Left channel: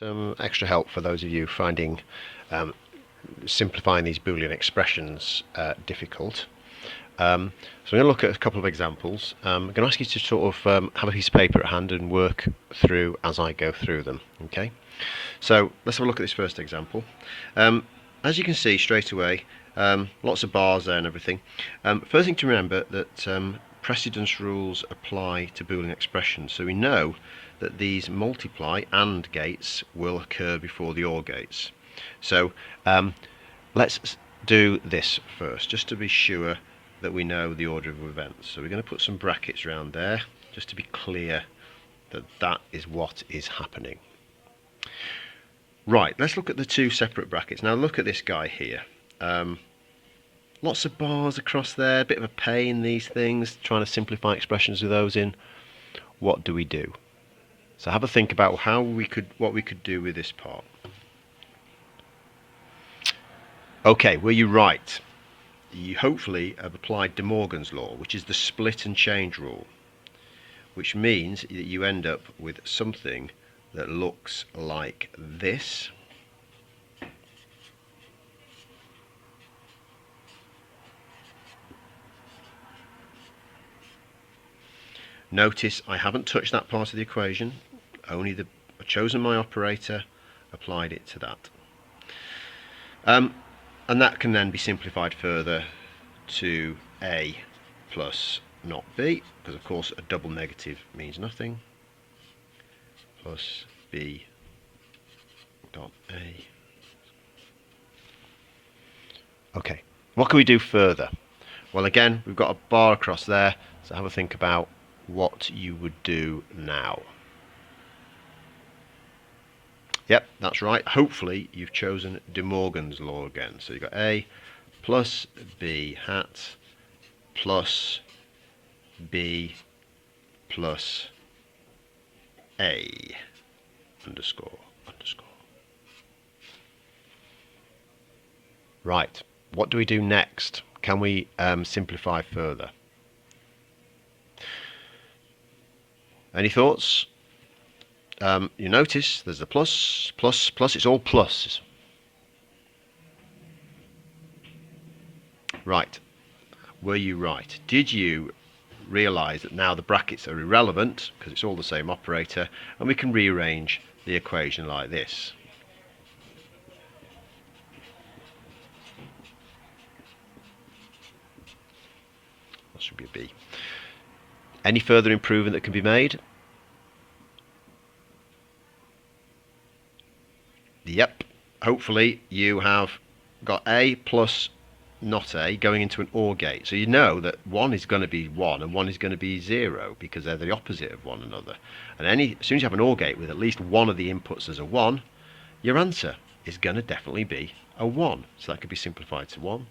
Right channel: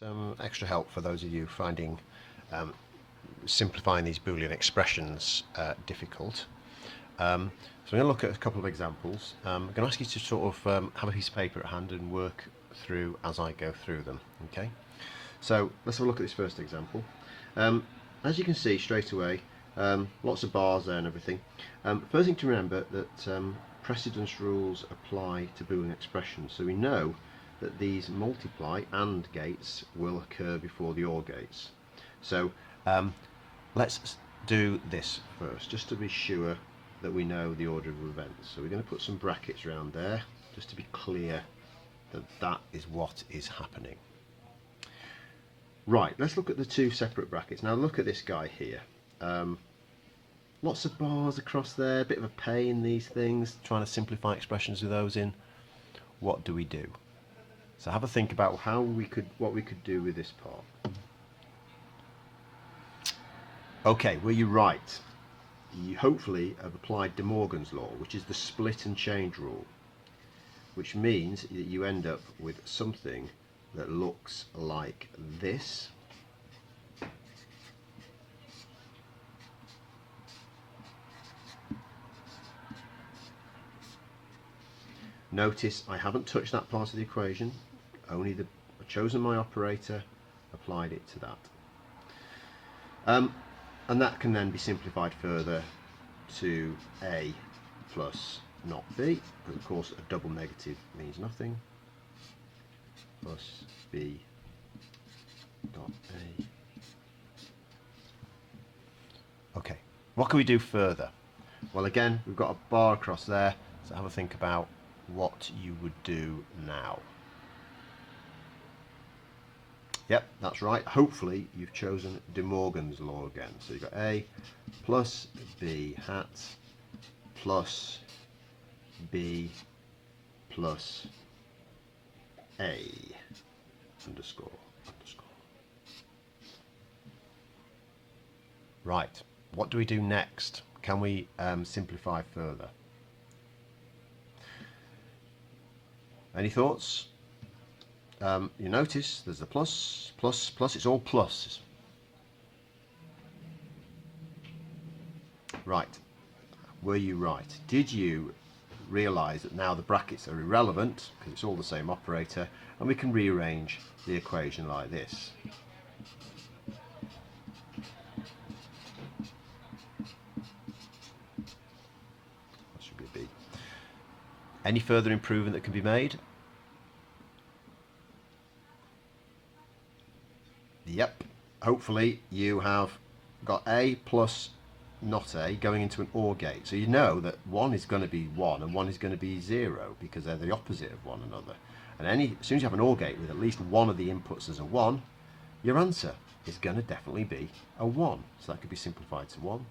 Some extra help for those of you finding simplifying these Boolean expressions difficult. So I'm going to look at a couple of examples. I'm going to ask you to sort of have a piece of paper at hand and work through as I go through them. Okay. So let's have a look at this first example. As you can see straight away, lots of bars there and everything. First thing to remember that precedence rules apply to Boolean expressions. So we know that these multiply AND gates will occur before the OR gates. So let's do this first, just to be sure that we know the order of events. So we're going to put some brackets around there, just to be clear that that is what is happening. Right, let's look at the two separate brackets. Now look at this guy here. Lots of bars across there, a bit of a pain, these things, trying to simplify expressions with those in. What do we do? So have a think about what we could do with this part. Okay, were you right? You hopefully have applied De Morgan's law, which is the split and change rule, which means that you end up with something that looks like this. Notice I haven't touched that part of the equation, only I've chosen my operator, applied it to that. And that can then be simplified further to A plus not B, because of course a double negative means nothing, plus B dot A. Okay, what can we do further? Well, again, we've got a bar across there, so have a think about what you would do now. Yep, that's right. Hopefully you've chosen De Morgan's law again. So you've got A plus B hat plus B plus A underscore. Right, what do we do next? Can we simplify further? Any thoughts? You notice there's a plus, plus, plus, it's all pluses. Right, were you right? Did you realise that now the brackets are irrelevant because it's all the same operator, and we can rearrange the equation like this? That should be a B. Any further improvement that can be made? Yep, hopefully you have got A plus not A going into an OR gate. So you know that one is going to be 1 and one is going to be 0 because they're the opposite of one another. And as soon as you have an OR gate with at least one of the inputs as a 1, your answer is going to definitely be a 1. So that could be simplified to 1.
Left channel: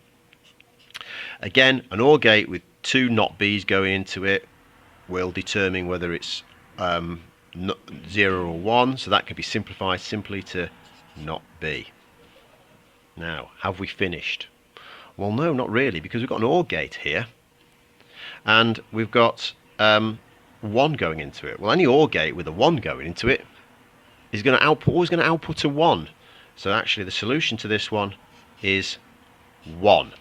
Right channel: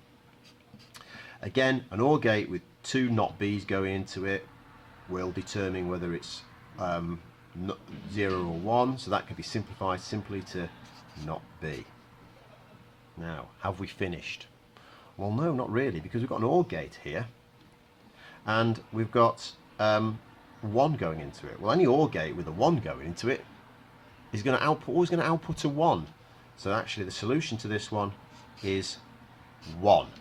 Again, an OR gate with two not B's going into it will determine whether it's 0 or 1. So that can be simplified simply to not B. Now, have we finished? Well, no, not really, because we've got an OR gate here, and we've got 1 going into it. Well, any OR gate with a 1 going into it is going to always going to output a 1. So actually, the solution to this one is 1.